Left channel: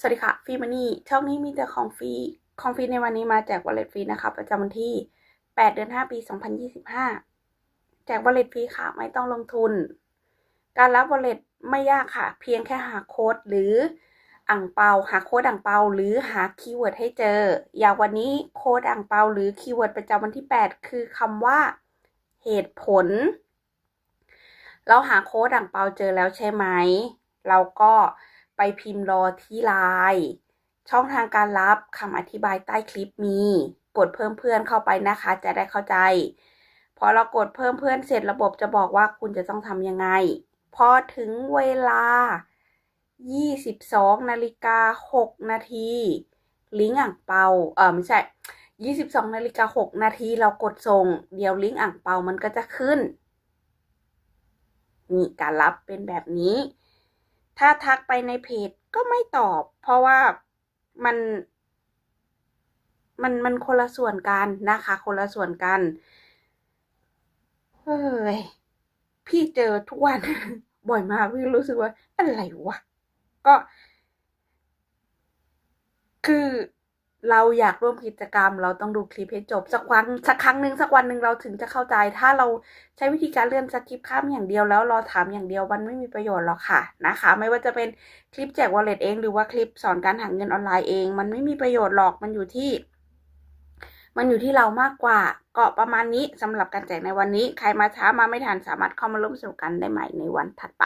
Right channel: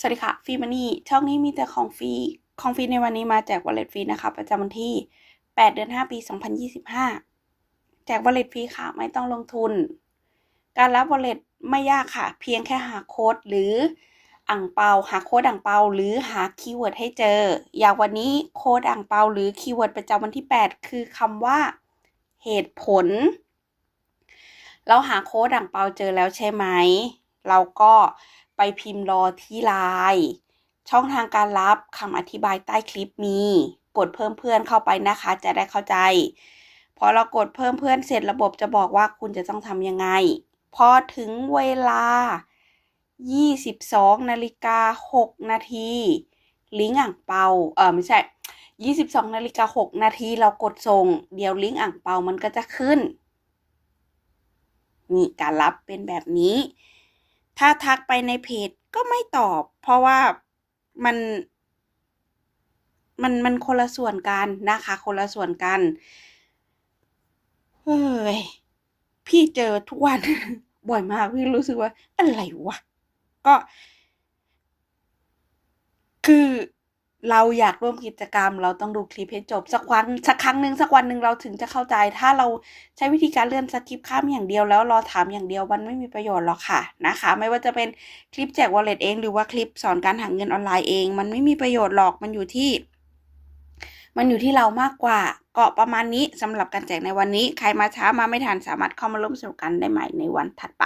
สวัสดีค่ะฟรีมันนี่ช่องนี้มีแต่ของฟรีของฟรีในวันนี้มาแจกวอลเล็ตฟรีนะคะ ประจำวันที่ 8 เดือน 5 ปี 2025 แจกวอลเล็ตฟรีค่ะ ไม่ต้องลงทุน การรับวอลเล็ตไม่ยากค่ะ เพียงแค่หาโค้ดหรืออ่างเปา หาโค้ดอ่างเปา หรือหาคีย์เวิร์ดให้เจอ อย่างวันนี้โค้ดอ่างเปา หรือคีย์เวิร์ดประจำวันที่ 8 คือคำว่าเหตุผล เราหาโค้ดอ่างเปาเจอแล้วใช่ไหมเราก็ ไปพิมพ์รอที่ไลน์ช่องทางการรับคำอธิบายใต้คลิปมี กดเพิ่มเพื่อนเข้าไปนะคะ จะได้เข้าใจ พอเรากดเพิ่มเพื่อนเสร็จระบบจะบอกว่าคุณจะต้องทำยังไง พอถึงเวลา 22นาฬิกา6นาทีลิงก์อ่างเปาเออไม่ใช่ 22นาฬิกา6นาทีเรากดส่ง เดี๋ยวลิงก์อ่างเปามันก็จะขึ้นนี่การรับเป็นแบบนี้ ถ้าทักไปในเพจก็ไม่ตอบ เพราะว่ามัน มันมันคนละส่วนกันนะคะ คนละส่วนกันเฮ้ยพี่เจอทุกวัน บ่อยมากพี่รู้สึกว่า อะไรวะ ก็ คือ เราอยากร่วมกิจกรรม เราต้องดูคลิปให้จบสักวันสักครั้งหนึ่งสักวันหนึ่งเราถึงจะเข้าใจ ถ้าเราใช้วิธีการเลื่อนสคริปข้ามอย่างเดียวแล้วรอถามอย่างเดียวมันไม่มีประโยชน์หรอกค่ะนะคะ ไม่ว่าจะเป็นคลิปแจกวอลเล็ตเอง หรือว่าคลิปสอนการหาเงินออนไลน์เอง มันไม่มีประโยชน์หรอกมันอยู่ที่ มันอยู่ที่เรามากกว่าก็ประมาณนี้สำหรับการแจกในวันนี้ ใครมาช้ามาไม่ทันสามารถเข้ามาร่วมสนุกกันได้ใหม่ในวันถัดไป